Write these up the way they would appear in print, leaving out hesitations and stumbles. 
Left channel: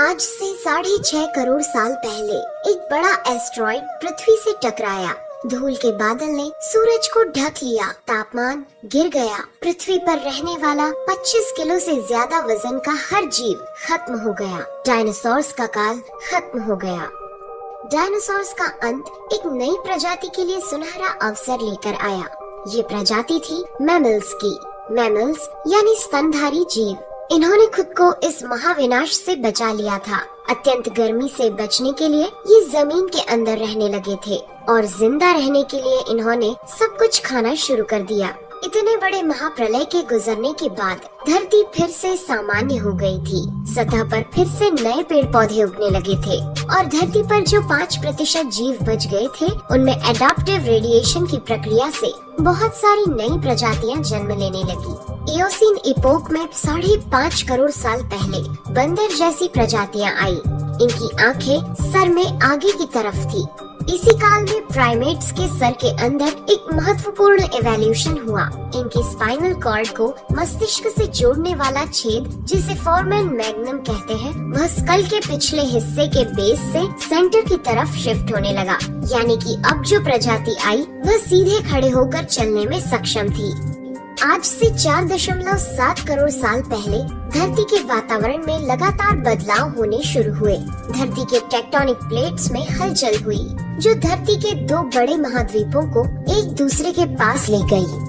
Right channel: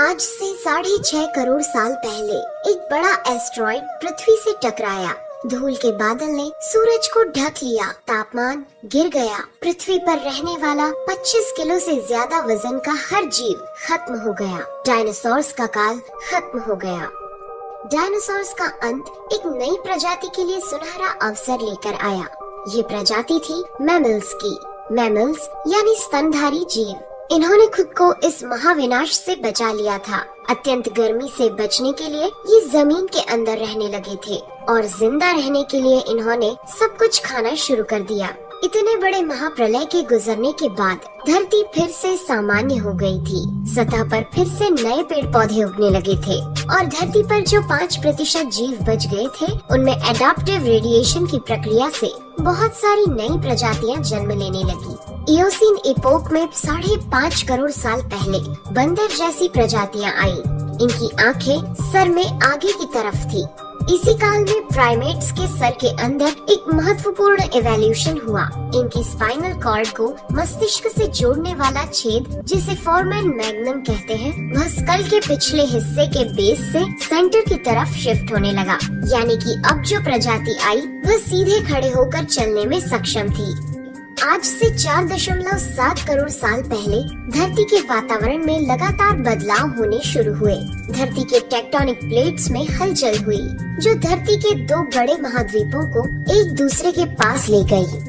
आज से 6.5 करोड़ साल पहले एक बड़ा एस्ट्रॉइड पृथ्वी से टकराया। धूल के बादल ने सूरज को ढक लिया, तापमान गिर गया। पृथ्वी पर रहने वाला 25 किलो से ज्यादा वजन का हर जीव खत्म हो गया। डायनासोर्स का काल खत्म हो गया। डायनासोर्स का अंत एक नई प्रजाति के लिए सुनहरा अवसर लेकर आया। ये प्रजाति थी मैमल्स की। मैमल्स यानी स्तनधारी जीव। इन्होंने खुद को इस महाविनाश से बचा लिया था। अत्यंत गर्मी से बचने के लिए ये जमीन के अंदर रहने लगे थे और जिंदा रहने के लिए इन्होंने सब कुछ खाना शुरू कर दिया। इतने बड़े महाप्रलय के गुजरने के बाद धरती फिर से सामान्य हो गई थी। सतह पर फिर से नए पेड़ पौधे उगने लगे थे और धरती पर जो 5% जीव बच गए थे, उनमें एडाप्टिव रेडिएशन की प्रक्रिया से बहुत सारी नई प्रजातियां जन्म लेने लगी। इयोसीन इपोक में 5.5 करोड़ साल पहले बंदर जैसी प्रजातियां आई। इनकी आंखें सर में आगे की तरफ थी। इसी काल में प्राइमेट्स के सर के अंदर एक महत्वपूर्ण एवोल्यूशन हुआ। इनकी स्पाइनल कॉर्ड को मस्तिष्क से जोड़ने वाला छेद, जिसे फोरमेन मैग्नम कहते हैं, वह स्कल के पिछले हिस्से के बेस से सेंटर की तरफ शिफ्ट होने लगा। यानी कि अब जो प्रजाति आई वह सीधे खड़े होकर चलने में सक्षम थी। आज से 4.7 करोड़ साल पहले धरती के वातावरण में लगातार बदलाव होने शुरू हुए। धरती के टेक्टोनिक प्लेट्स में हलचल हुई, जो धरती के 2 बड़े महाद्वीपों को एक दूसरे के पास ले गई।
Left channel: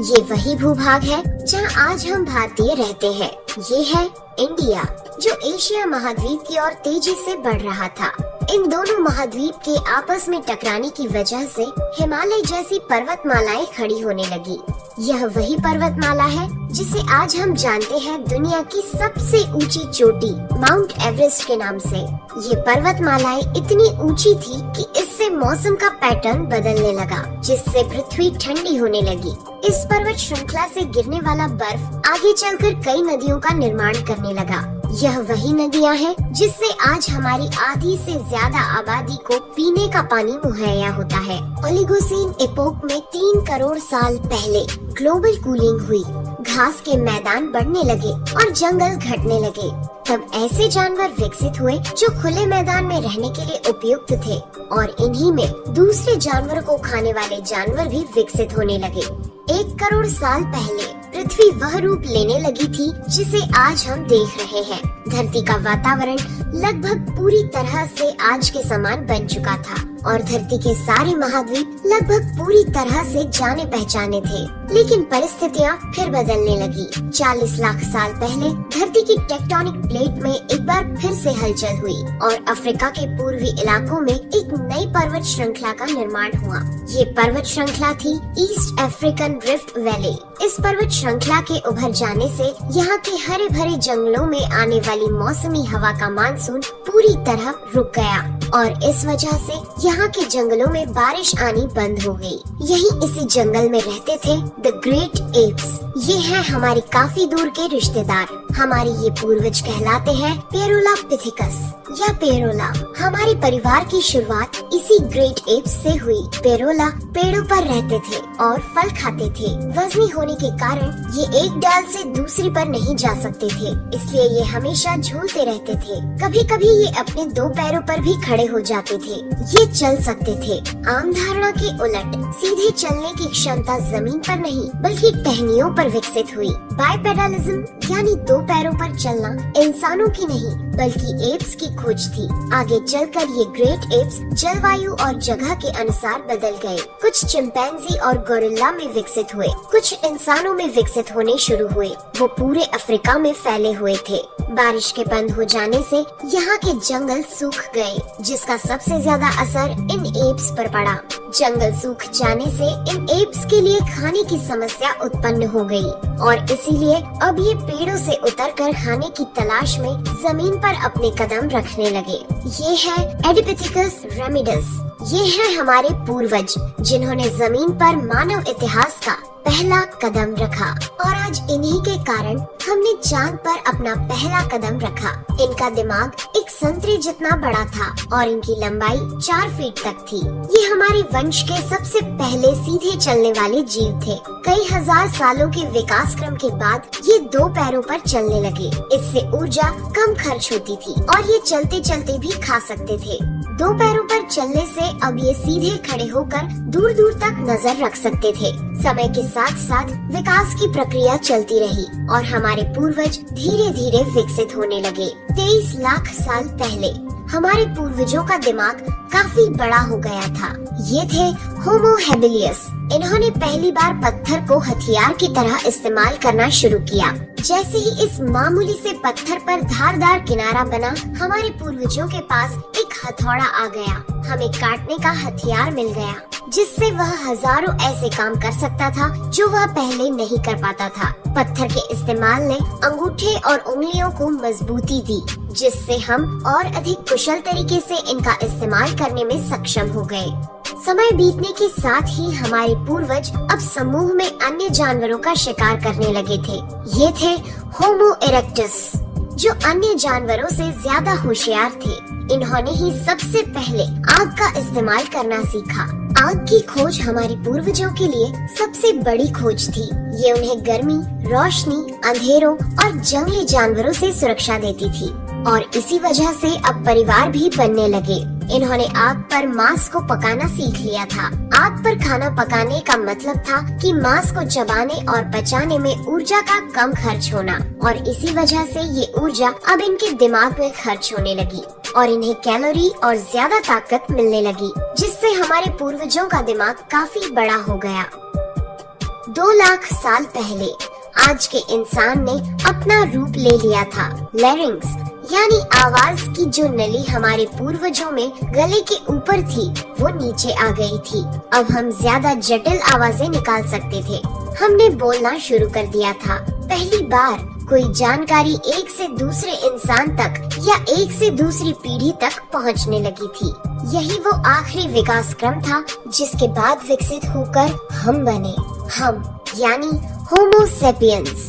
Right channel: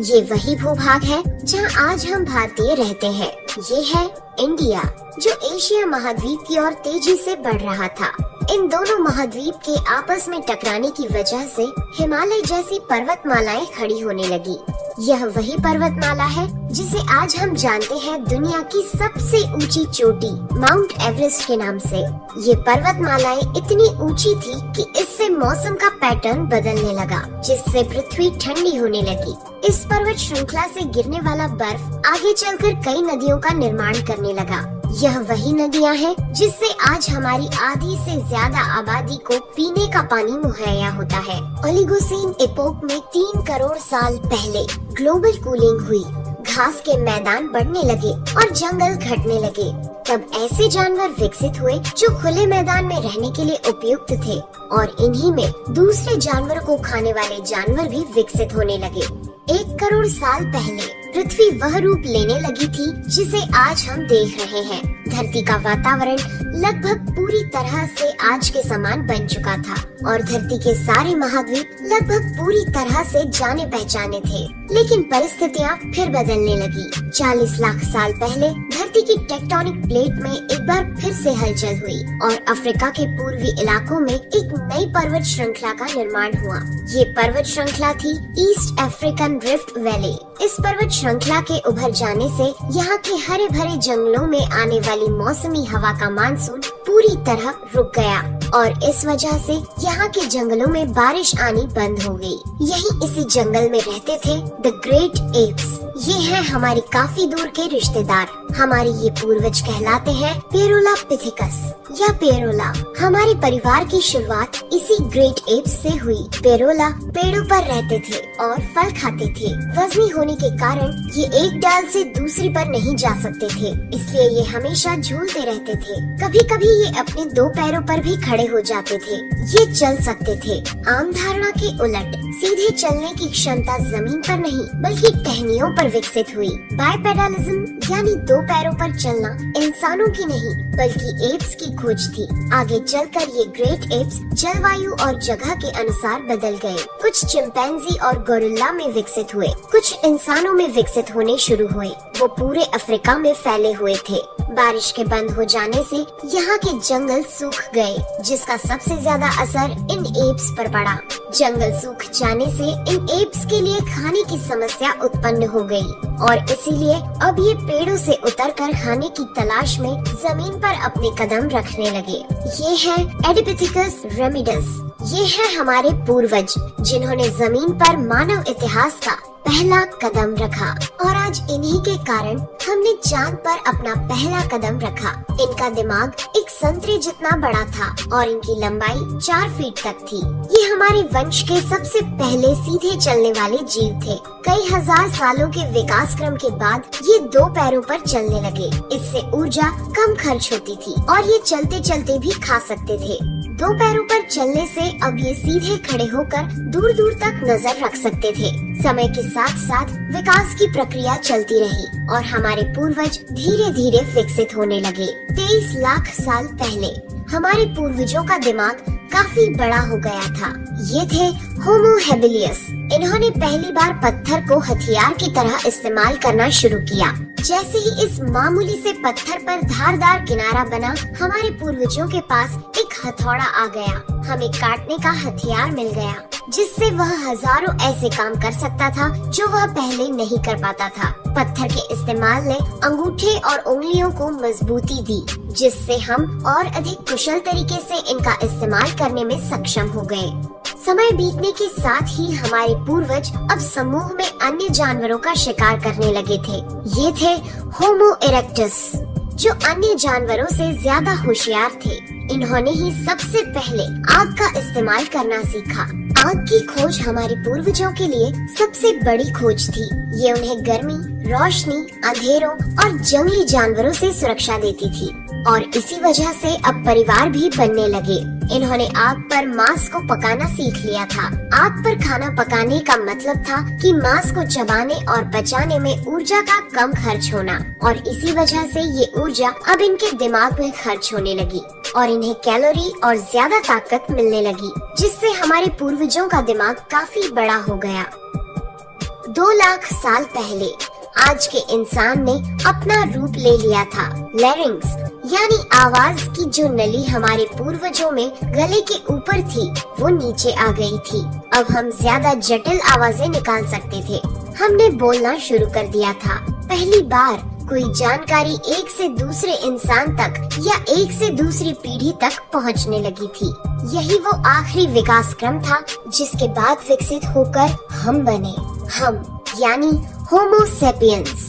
ये वही भूभाग है जहां आज हम भारतीय रहते हैं। ये है इंडिया, जो एशिया महाद्वीप की ओर तेजी से बढ़ रहा था। इन दोनों महाद्वीप के आपस में टकराने की वजह से हिमालय जैसी पर्वतमालाएं खड़ी होने लगी। यह वही पर्वतमाला है जिसे आज हम जानते हैं दुनिया की सबसे ऊंची चोटी माउंट एवरेस्ट के नाम से। ये पर्वतमालाएं इतनी ऊंची थी कि इससे मौसम का पैटर्न बदलने लगा, जिससे पृथ्वी ठंडी होने लगी। इस पर्वत श्रृंखला से गिरने वाला बर्फ आगे चलकर कई नदियों का निर्माण करने लगा। यह वही नदियां हैं जिससे आज हमारी आधी से ज्यादा आबादी को पीने का पानी मुहैया होता है। ओलिगोसीन एपोक में 3 करोड़ साल पहले ग्लोबल कूलिंग हुई। घास के मैदान बढ़ने लगे और जंगल घटने लगे। तब ऐसे जानवर विकसित हुए जो खुले मैदान में रहने के लिए उपयुक्त थे और इन्हीं में दूसरे जानवरों को खाने वाले जानवर भी विकसित होने लगे। 1 करोड़ साल पहले पृथ्वी वह रूप लेने लगी थी जिसे आज हम देख रहे हैं। धरती का वातावरण लगभग पूरी तरह से आज के समान बन चुका था और धरती के सारे महाद्वीप लगभग पूरी तरह से जाने पहचाने थे। लेकिन परिस्थितियाँ फिर बदलने लगी। 40 लाख साल पहले धरती की टेक्टोनिक प्लेट में एक बार फिर से हलचल हुई और अफ्रीका के पूर्वी इलाकों में एक नई पर्वत श्रृंखला का निर्माण हुआ। ये पर्वत श्रृंखला थी ईस्ट अफ्रीकन रिफ्ट वैली। इस पर्वत श्रृंखला के उभर जाने से यहाँ के हरे भरे जंगलों में आने वाली मौसमी हवा का मानसून पूरी तरह रुक गया और इस वजह से यहाँ के जंगलों में बारिश आनी बंद हो गई। यहीं इसी जंगल में रहते थे द ग्रेट एप्स। ये है हमारी काफी दूर के रिश्तेदार। हमारे ये पूर्वज कहलाते हैं पेरोलापिथिकस या पेरोला। हमारे परिवार की शुरुआत इसी ग्रेट एप्स से हुई। पेरोला पेड़ों पर रहते थे और फल खाते थे। वजनी होने के कारण ये एक डाल से दूसरी पर नहीं जा सकते थे, इसलिए ये हमेशा झूलते रहते थे। कभी कभी ये अपने 2 पैरों पर भी खड़े हो जाते थे। ये चल सकते थे। आम धारणा के उलट सीधे चलने की क्षमता जमीन पर नहीं बल्कि टहनियों पर विकसित हुई। बाइपेडलिज्म यानी 2 पैरों पर चलना इंसानों की नहीं बल्कि एप्स की खोज थी। आगे चलकर ये ग्रेट एप्स जलवायु और जगह के अनुसार बदल गए। कुछ चिंपैंजी और गोरिल्ला में विकसित हुए, कुछ इंसानों में विकसित होने शुरू हुए। वो पूरे अफ्रीका में फैले हुए थे। बारिश के बंद हो जाने से यहाँ के जंगल सूख गए, जिसका सबसे ज्यादा असर इन एप्स पर पड़ा। जंगल सूख जाने से इन एप्स के लिए खाने की समस्या उत्पन्न हो गई और इसीलिए अब ये पेड़ों से उतरकर खाने की तलाश में जमीन पर अपने कदम रखने लगे। ये है एडिपिथिकस रेमिडस। ये है हमारे पूर्वज जिन्होंने जमीन पर मानव इतिहास का पहला कदम रखा और आज इन्हीं के कारण हमने चांद पर अपना पहला कदम रखा। इनका दिमाग एक संतरे जितना बड़ा था और इनकी लंबाई 4 फीट तक थी। ये हमारे वंश के सबसे पहले सीधे चलने वाले जीव थे। कई हजार सालों के विकास क्रम के बाद ये 2 पैरों पर चलने लगे। इससे ऊर्जा कम खर्च होती थी और ये चलते चलते भी खा सकते थे। 2 पैरों पर चलने से अब ये सीधे खड़े होकर दूर दूर तक नजर रख सकते थे। समय के साथ साथ विकास की प्रक्रिया चलती रही और हमारे पूर्वज धीरे धीरे विकसित होने लगे। 23 लाख साल पहले हमारे पूर्वजों का दिमाग काफी बड़ा हो गया था। ये थे होमो हेबिलियस। इन्होंने पहली बार पत्थर को हथियार की तरह इस्तेमाल करना शुरू किया। जैसे ही इस मामूली से पत्थर पर धारदार किनारा बना, हमारे पूर्वजों के पास एक हथौड़ा आ गया। हमें काटने का हथियार मिल गया, जिससे वह हजारों ऐसे काम कर सकता था जो वह पहले नहीं कर पाता था। पत्थर के इस्तेमाल ने अंगूठे और उंगलियों को मजबूती दी, जिससे हम और अधिक कुशल तरीके से इनका इस्तेमाल करने में सक्षम हो गए। समय बीतने के साथ ही हमारे पूर्वज अब समूह में अन्य जानवरों का शिकार करने लगे थे। ये थे होमो इरेक्टस, जो अन्य जानवरों से ज्यादा होशियार थे। इन्होंने ही सबसे पहले आग का इस्तेमाल करना सीखा। आग की खोज हमारे पूर्वजों के लिए सबसे बड़ी खोज थी। ये उन्हें गर्मी, रोशनी, अंधेरों और जंगली जानवरों से सुरक्षा देती थी और इसी वजह से अब परिवार भी बनने लगे। इन्होंने आग पर मांस को पकाना सीख लिया था। आग पर खाना पकाने का मतलब था कि मांस को चबाने और पचाने में ऊर्जा का कम खर्च होना और इसी वजह से ये ऊर्जा अब इनके दिमाग में खर्च होने लगी और इन्हें कैलोरी और ज्यादा ताकत मिलने लगी, जिससे हमारे पूर्वजों का दिमाग काफी बड़ा हो गया। 2 लाख साल पहले आज के इंसान ने अपना रूप ले लिया था। लैरिंक्स यानी आवाज की जो नली हमारे पूर्वजों में गले के ऊपर थी, वो नीचे आ गई थी। अब हम ज्यादा जटिल आवाजें निकाल सकते थे। हमने बोलना शुरू कर दिया था। पहली बार कोई जानकारी एक से दूसरे इंसान तक या एक से दूसरी पीढ़ी तक पहुंचने लगी थी। यही वो आखिरी विकास क्रम था जिसके बाद विकसित होकर हम बने। हम यानी होमो सेपियंस।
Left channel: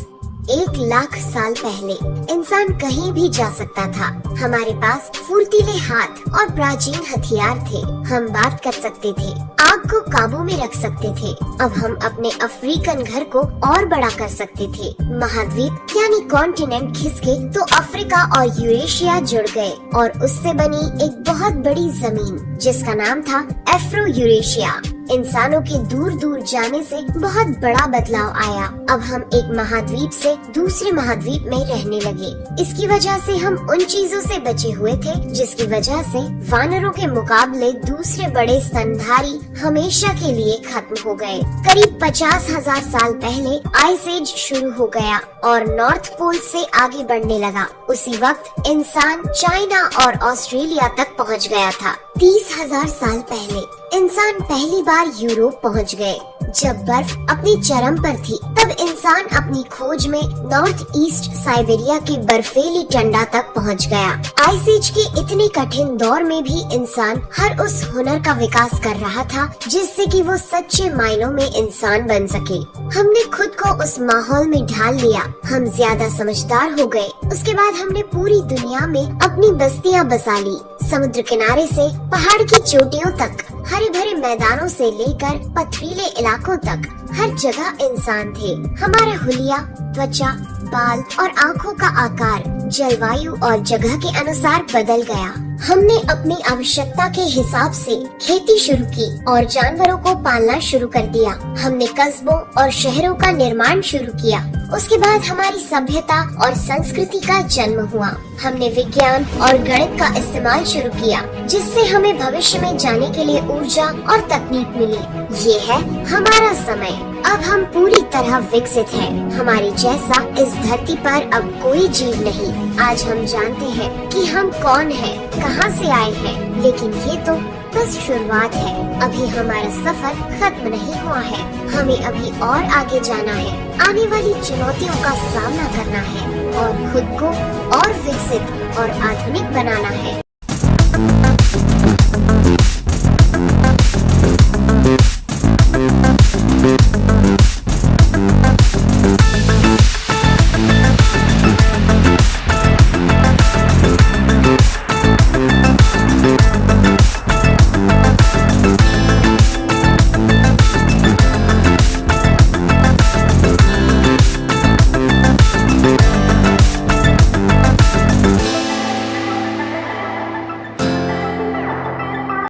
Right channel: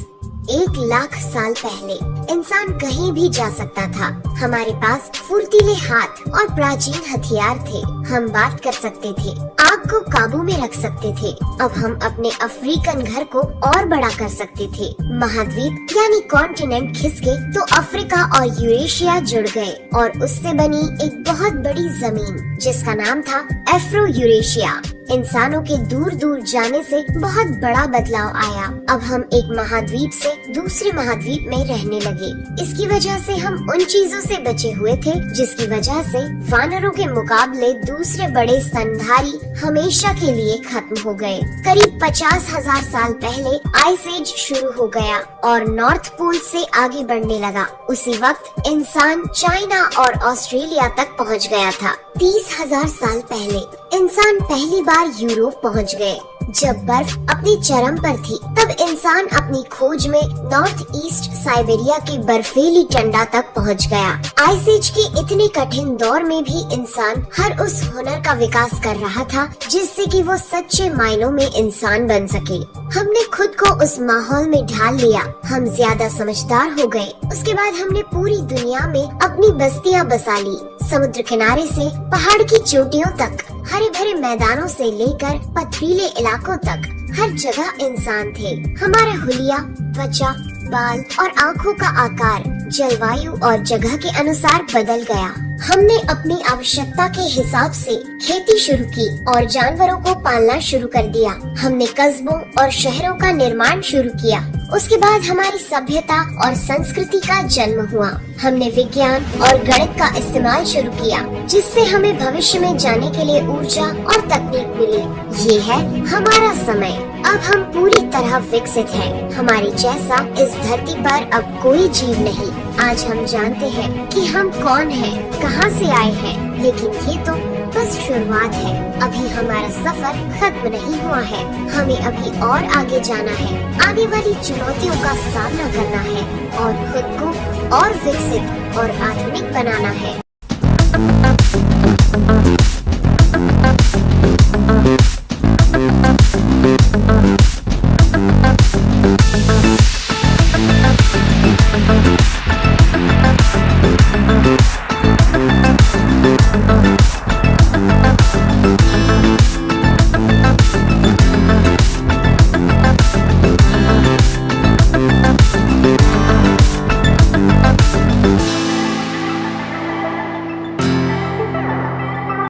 1 लाख साल पहले इंसान कहीं भी जा सकता था। हमारे पास फुर्तीले हाथ और प्राचीन हथियार थे। हम बात कर सकते थे, आग को काबू में रख सकते थे। अब हम अपने अफ्रीकन घर को और बड़ा कर सकते थे। महाद्वीप यानी कॉन्टिनेंट खिसके तो अफ्रीका और यूरेशिया जुड़ गए और उससे बनी एक बहुत बड़ी जमीन जिसका नाम था एफ्रो यूरेशिया। इंसानों के दूर दूर जाने से बहुत बड़ा बदलाव आया। अब हम एक महाद्वीप से दूसरे महाद्वीप में रहने लगे। इसकी वजह से हम उन चीजों से बचे हुए थे जिसकी वजह से वानरों के मुकाबले दूसरे बड़े स्तनधारी हमेशा के लिए खत्म हो गए। करीब 50,000 साल पहले आइस एज शुरू हो गया और नॉर्थ पोल से आगे बढ़ने लगा। उसी वक्त इंसान चाइना और ऑस्ट्रेलिया तक पहुंच गया था। 30,000 साल पहले इंसान पहली बार यूरोप पहुंच गए। जब बर्फ अपनी चरम पर थी, तब इंसान अपनी खोज में नॉर्थ ईस्ट साइबेरिया की बर्फीली टंडा तक पहुंच गया। आइस एज के इतने कठिन दौर में भी इंसान हर उस हुनर का विकास कर रहा था जिससे कि वो सच्चे मायनों में इंसान बन सके। हमने खुद को उस माहौल में ढाल लिया। हम ज्यादा समझदार हो गए। उसके बाद हमने पूरी दुनिया में अपनी बस्तियां बसा ली। समुद्र किनारे से पहाड़ की चोटियों तक, हरे भरे मैदानों से लेकर पथरीले इलाकों तक हर जगह इंसान थे। हमारा हुलिया, त्वचा, बाल और आँखों का आकार जलवायु और जगह के अनुसार बदल गया। हमने अपनी आवश्यकता के हिसाब से खेती शुरू की और जानवरों को पालना शुरू कर दिया। हमने कस्बों और शहरों का निर्माण शुरू किया। उसके बाद हमारी सभ्यता और संस्कृति का जन्म हुआ। हमने विज्ञान और गणित का इस्तेमाल शुरू किया, जिससे हमें भविष्य में जाने के लिए ऊर्जा और तकनीक मिली। ये है हमारा समय। अब हम पूरी तरह विकसित हैं। हमारी जैसा इस धरती पर अब कोई जीव नहीं। आज हम जानते हैं कि हम कौन हैं, कहां से आए हैं, लेकिन ये तो बस शुरुआत है। अभी हमारा सफर खत्म नहीं हुआ है। हमें अभी और आगे जाना है। आने वाली चुनौतियों का सामना करना है और खुद को और विकसित और आधुनिक बनाना है।